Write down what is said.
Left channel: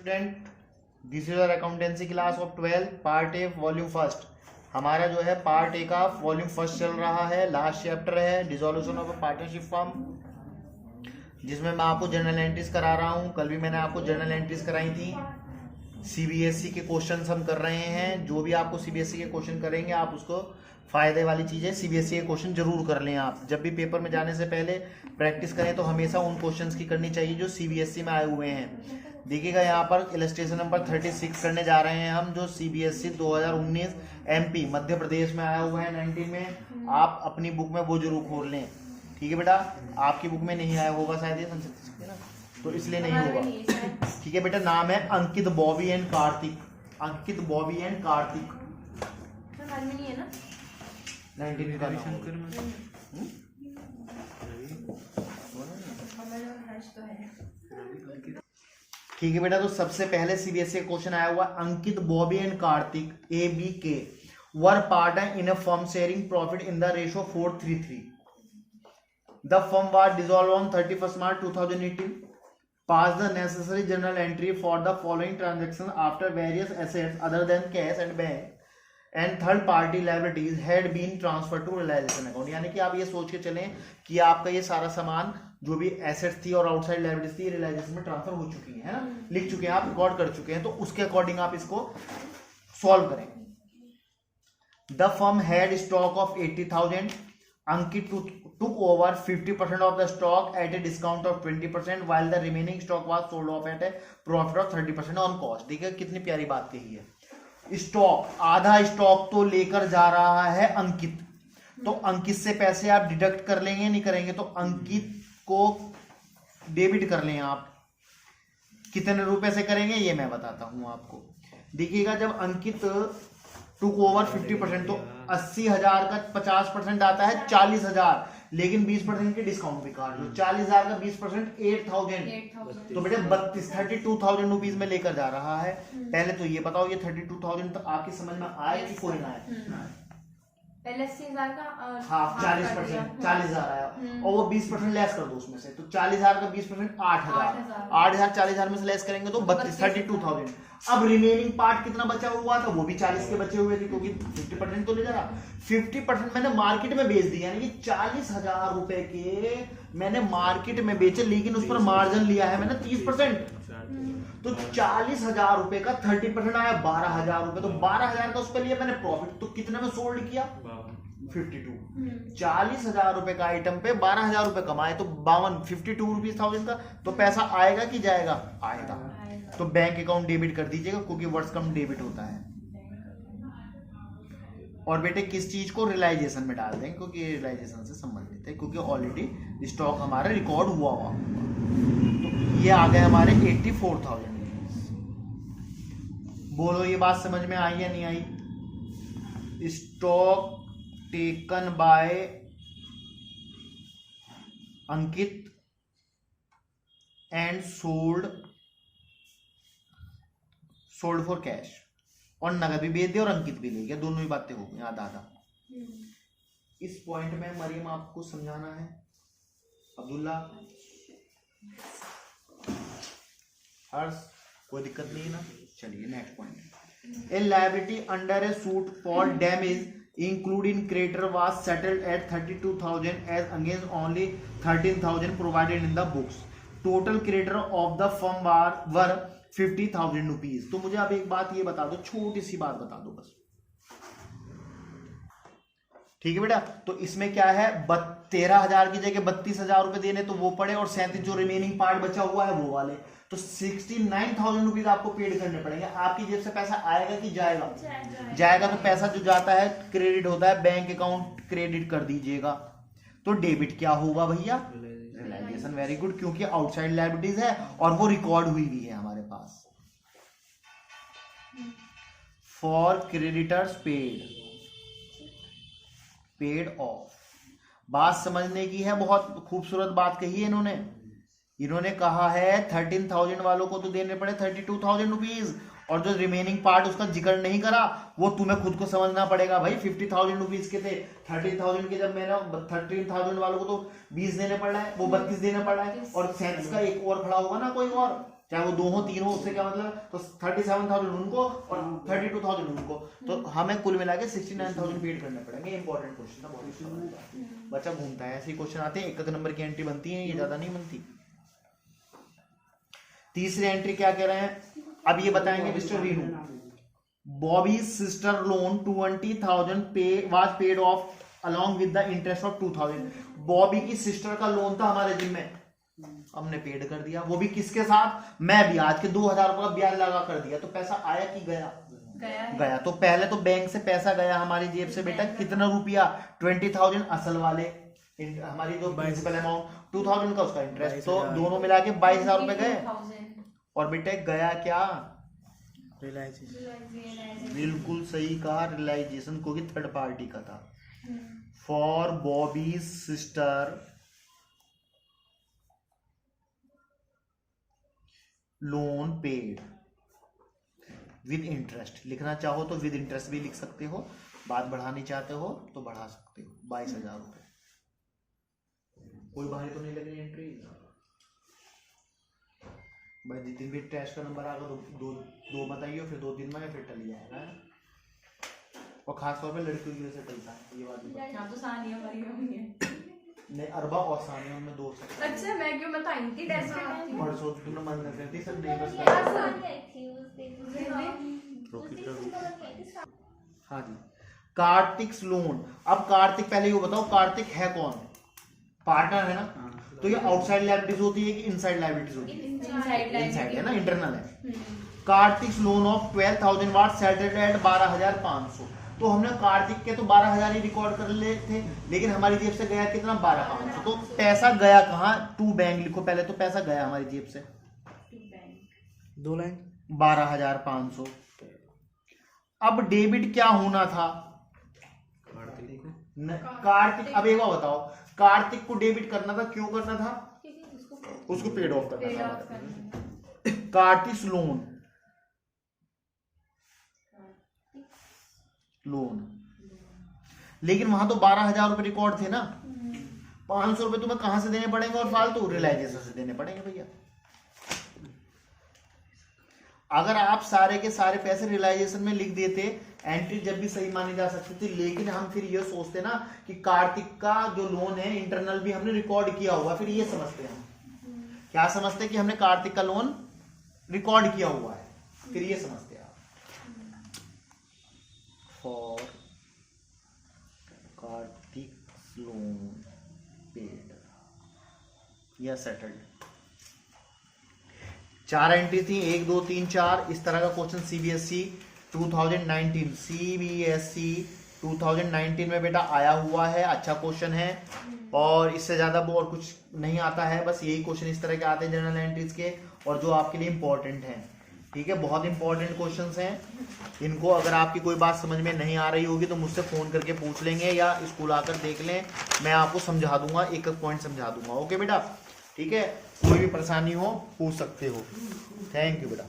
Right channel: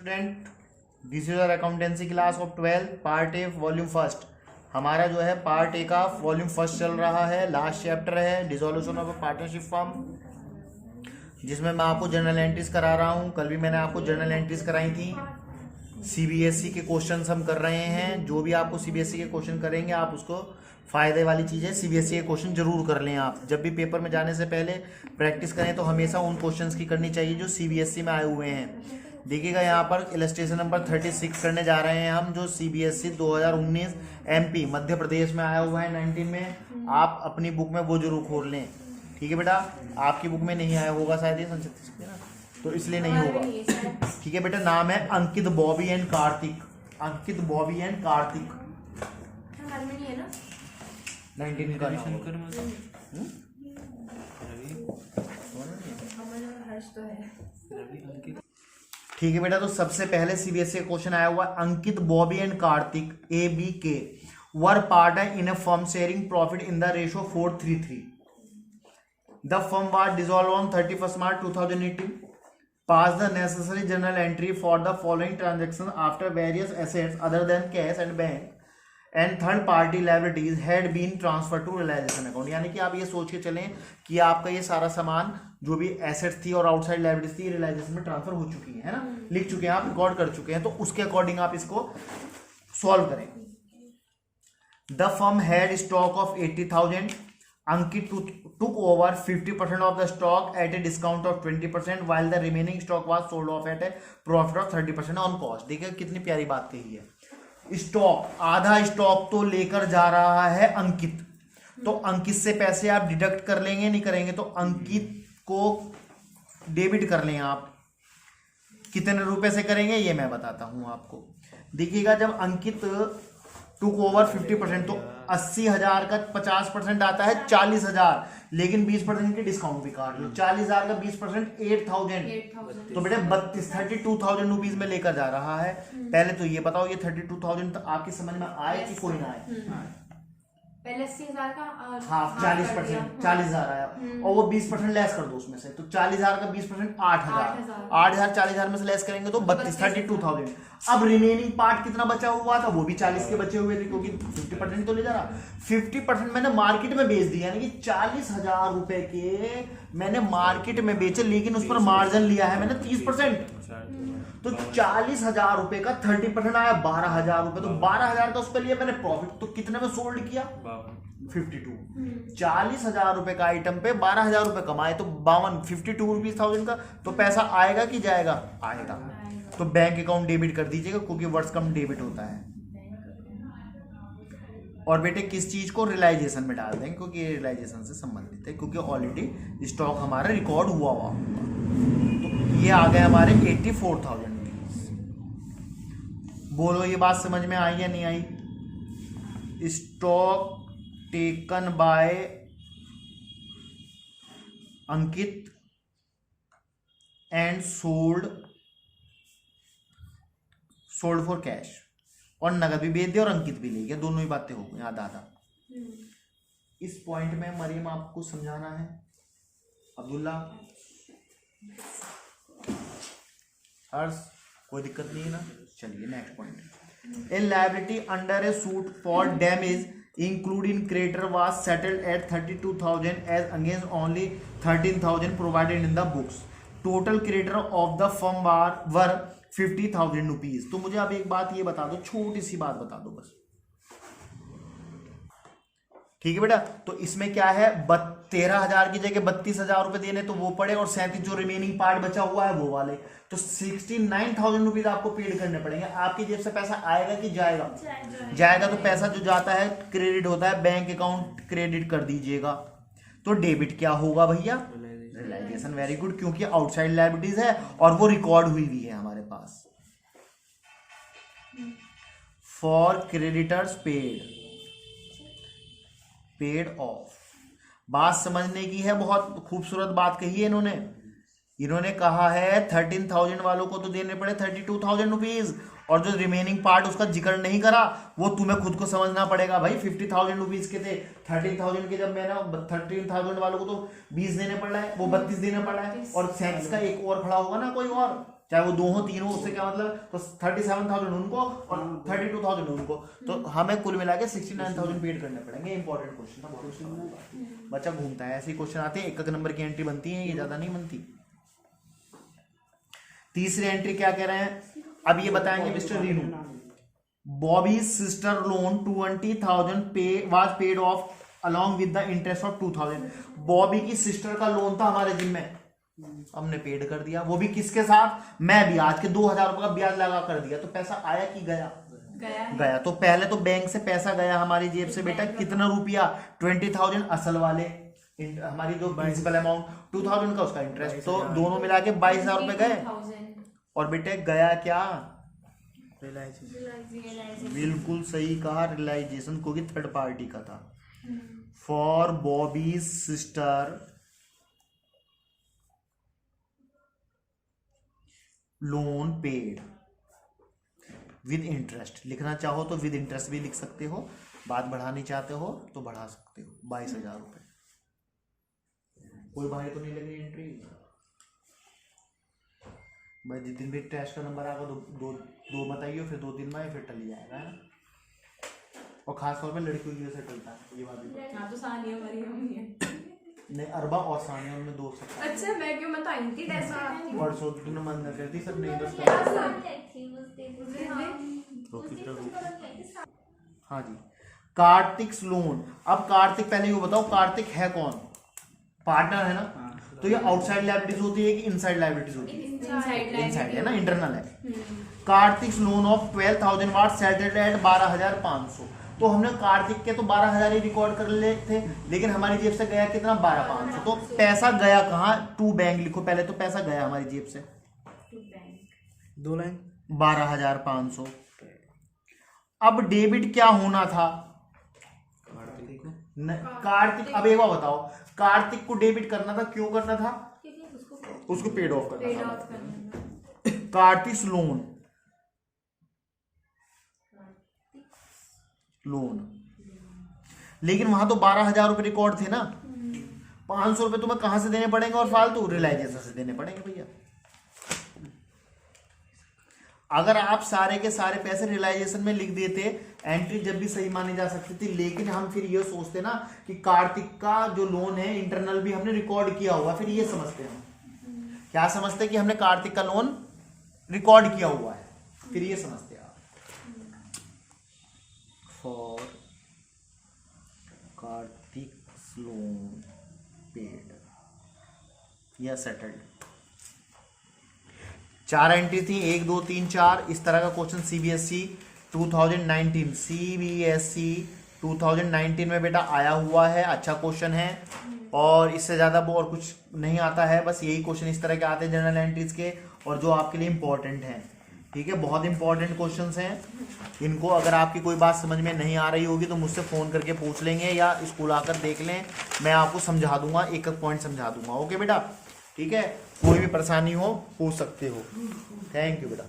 Student, this is our accountancy class of 12 part A volume first. हमारा जो है part A का volume first चल रहा है। लास्ट चैप्टर है dissolution of a partnership firm, जिसमें मैं आपको जर्नल एंट्रीज करा रहा हूँ। कल भी मैंने आपको जर्नल एंट्रीज कराई थी। सीबीएसई के क्वेश्चंस हम कर रहे हैं। जो भी आपको सीबीएसई के क्वेश्चन करेंगे आप उसको फायदे वाली चीजें सीबीएसई के क्वेश्चन जरूर कर लें। आप जब भी पेपर में जाने से पहले प्रैक्टिस करें तो हमेशा उन क्वेश्चंस की करनी चाहिए जो सीबीएसई में आए हुए हैं। देखिएगा यहाँ पर इलस्ट्रेशन नंबर 36 करने जा रहे हैं हम, जो सीबीएसई 2019 एमपी मध्य प्रदेश में आया हुआ है 19 में। आप अपनी बुक में वो जरूर खोल लें, ठीक है बेटा। आपकी बुक में नहीं आया होगा शायद, तो इसलिए नहीं होगा, ठीक है बेटा। नाम है अंकित बॉबी एंड कार्तिक। अंकित बॉबी एंड कार्तिक 19 का नाम ठीक है बेटा। तो सबसे पहले सीबीएसई क्वेश्चन आया हुआ Ankit Bobby and Kartik ABK were partner in a firm sharing profit in the ratio 4:3:3। The firm was dissolved on 31st March 2018. Pass the necessary journal entry for the following transactions after various assets other than cash and bank and third party liabilities had been transferred to realization account। यानी कि आप ये सोच के चलें कि आपका ये सारा सामान जो भी एसेट्स थी और आउटसाइड लाइबिलिटीज थी रियलाइजेशन में ट्रांसफर हो चुकी है ना, लिख चुके हैं आप, रिकॉर्ड कर चुके हैं। तो उसके अकॉर्डिंग आप इसको सॉल्व करें। The firm had stock of 80,000. Ankit took over 50% of the stock at a discount of 20%, while the remaining stock was sold off at a profit of 30% on cost। देखिए कितनी प्यारी बात कही है। स्टॉक, आधा स्टॉक तो लेकर जा रहा है अंकित, तो अंकित से पैसे आप डिडक्ट कर लेंगे, नहीं करेंगे? तो अंकित को डेबिट कर लें आप। कितने रुपए से करेंगे ये मैं बताता हूं आपको। देखिएगा, जब अंकित टुक ओवर 50%, तो 80,000 का 50% आता है 40,000, लेकिन 20% की डिस्काउंट भी काट लो। 40,000 का 20% 8,000, तो बेटे 32,000 रुपीज में लेकर जा रहा है। पहले तो ये बताओ, ये 32,000 तो आपकी समझ में आए कि कोई ना आए? पहले 80,000 का हाफ 40%, 40,000 आया, और वो 20% लेस कर दो उसमें से, तो 40,000 का 20% 8,000, 8,000 40,000 में से लेस करेंगे तो 32,000। अब रिमेनिंग पार्ट कितना बचा हुआ था? वो भी 40 के बचे हुए थे, क्योंकि 50% तो ले जा रहा। 50% मैंने मार्केट में बेच दिया, यानी कि 40,000 रुपए के मैंने मार्केट में बेचे, लेकिन उस पर मार्जिन लिया है मैंने 30%। तो 40,000 रुपए का 30% आया 12,000 रुपए, तो 12,000 का उस पर लिया मैंने प्रॉफिट, तो कितने में सोल्ड किया? 52। 40,000 रुपए का आइटम पे 12,000 रुपए कमाए, तो 52 रुपीज का तो पैसा आएगा कि जाएगा? आएगा। तो बैंक अकाउंट डेबिट कर दीजिएगा, क्योंकि वर्ड्स कम डेबिट होता है। और बेटे किस चीज को? रियलाइजेशन में डाल दें, क्योंकि रियलाइजेशन से संबंधित है, क्योंकि ऑलरेडी स्टॉक हमारा रिकॉर्ड हुआ हुआ। तो ये आ गए हमारे 84,000 रुपीज। बोलो ये बात समझ में आई या नहीं आई? Stock taken by Ankit and sold for cash, और नगद भी बेच दिया और अंकित भी ले गया, दोनों ही बातें हो गई आधा आधा। इस पॉइंट में मरियम आपको समझाना है, अब्दुल्ला, हर्ष, कोई दिक्कत नहीं है ना? चलिए next point. A liability under A suit for damage including creditor was settled at 32,000 as against only 13,000 provided in the books. Total creditor of the firm were 50,000 rupees. तो मुझे अब एक बात ये बता दो, छोटी सी बात बता दो बस, ठीक है बेटा। तो इसमें क्या है, 13,000 की जगह 32,000 रुपए देने तो वो पड़े, और 37 जो रिमेनिंग पार्ट बचा हुआ है वो वाले, तो 69,000 रुपीज आपको पेड करने पड़ेंगे। आपकी जेब से पैसा आएगा कि जाएगा? जाएगा। तो पैसा जो जाता है क्रेडिट होता है, बैंक अकाउंट क्रेडिट कर दीजिएगा। तो डेबिट क्या होगा भैया? रियलाइजेशन। वेरी गुड, क्योंकि आउटसाइड लायबिलिटीज है और वो रिकॉर्ड हुई भी है हमारे पास। For creditors paid off. बात समझने की है, बहुत खूबसूरत बात कही है इन्होंने कहा है 13,000 वालों को तो देने पड़े 32,000 रुपीज, और जो रिमेनिंग पार्ट उसका जिक्र नहीं करा, वो तुम्हें खुद को समझना पड़ेगा भाई। 50,000 रुपीज के थे, 13,000 के जब मैंने 13,000 वालों को तो 20 देने पड़ रहा है, वो 32 देने पड़ रहा है, और 37 का एक और खड़ा होगा ना कोई और, चाहे वो 2 हो 3 हो, उससे क्या मतलब, तो 37,000 उनको और 32,000 उनको, तो हमें कुल मिला के 69,000 पेड करने पड़ेंगे। इंपॉर्टेंट क्वेश्चन था, बहुत अच्छा वाला। बच्चा घूमता है, ऐसे क्वेश्चन आते हैं, एक नंबर की एंट्री बनती है, ये ज्यादा नहीं बनती। तीसरी एंट्री क्या कह रहे हैं, अब ये बताएंगे mister Renu, Bobby sister loan 20,000 was paid off along with the interest of 2,000। बॉबी की सिस्टर का लोन था हमारे जिम्मे, हमने पेड कर दिया, वो भी किसके साथ, मैं ब्याज के 2,000 रुपए का ब्याज लगा कर दिया, तो पैसा आया कि गया, गया। तो पहले तो बैंक से पैसा गया हमारी जेब से बेटा, कितना रुपया, 20,000 असल वाले, हमारी जो प्रिंसिपल अमाउंट 2,000 का, उसका इंटरेस्ट, तो दोनों मिला के 22,000 रुपए गए। और बेटे गया क्या, बिल्कुल सही कहा, रियलाइजेशन, को भी थर्ड पार्टी का था। For Bobby sister loan paid with interest, लिखना चाहो तो विद इंटरेस्ट भी लिख सकते हो, बात बढ़ानी चाहते हो तो बढ़ा सकते हो, 22,000 रुपए। कोई भारी तो नहीं लगी एंट्री भाई, जितने भी टेस्ट का नंबर आएगा दो बताइए, फिर 2-3 में फिर टल जाएगा। और खास तौर पे लड़कियों की वजह से टलता है ये बात भी। तो सानिया वाली होनी है। नहीं, अरबा और सानिया में 2 सकते। अच्छा मैं क्यों बताई थी टेस्ट के टाइम परसों तुमने मन न करती सब नहीं बस। हाँ जी, कार्तिक लोन। अब कार्तिक, पहले ये बताओ कार्तिक है कौन, पार्टनर है ना, तो ये आउटसाइड लायबिलिटीज होती है कि इनसाइड लायबिलिटीज होती है, इनसाइड है ना, इंटरनल है। Kartik loan of 12,000 was settled at 12,500, तो हमने कार्तिक के तो 12,000 ही रिकॉर्ड कर ले थे, लेकिन हमारी जेब से गया कितना, 12,500। तो पैसा गया कहाँ, टू बैंक लिखो पहले, तो पैसा गया हमारी जेब से 2 लाइन 12,500। अब डेबिट क्या होना था, कार्तिक। अब एक बार बताओ, कार्तिक को डेबिट करना था, क्यों करना था, उसको पेड ऑफ करना था। कार्तिक लोन, लेकिन वहां तो 12,000 रुपए रिकॉर्ड थे ना, 500 रुपए तुम्हें कहां से देने पड़ेंगे, और फालतू रियलाइजेशन से देने पड़ेंगे भैया। अगर आप सारे के सारे पैसे रियलाइजेशन में लिख देते, एंट्री जब भी सही मानी जा सकती थी, लेकिन हम फिर ये सोचते ना कि कार्तिक का जो लोन है इंटरनल भी हमने रिकॉर्ड किया हुआ, फिर ये समझते हम, क्या समझते कि हमने कार्तिक का लोन रिकॉर्ड किया हुआ है, फिर ये समझते आप। फॉर कार्तिक लोन पेड या सेटल्ड। 4 एंट्री थी, 1 2 3 4। इस तरह का क्वेश्चन सीबीएसई 2019 में बेटा आया हुआ है, अच्छा क्वेश्चन है, और इससे ज्यादा वो और कुछ नहीं आता है, बस यही क्वेश्चन इस तरह के आते हैं जनरल एंट्रीज के, और जो आपके लिए इंपॉर्टेंट हैं। ठीक है, बहुत इंपॉर्टेंट क्वेश्चंस हैं, इनको अगर आपकी कोई बात समझ में नहीं आ रही होगी तो मुझसे फोन करके पूछ लेंगे, या स्कूल आकर देख लें, मैं आपको समझा दूंगा, एक एक पॉइंट समझा दूंगा। ओके बेटा, ठीक है, कोई भी परेशानी हो पूछ सकते हो। थैंक यू बेटा।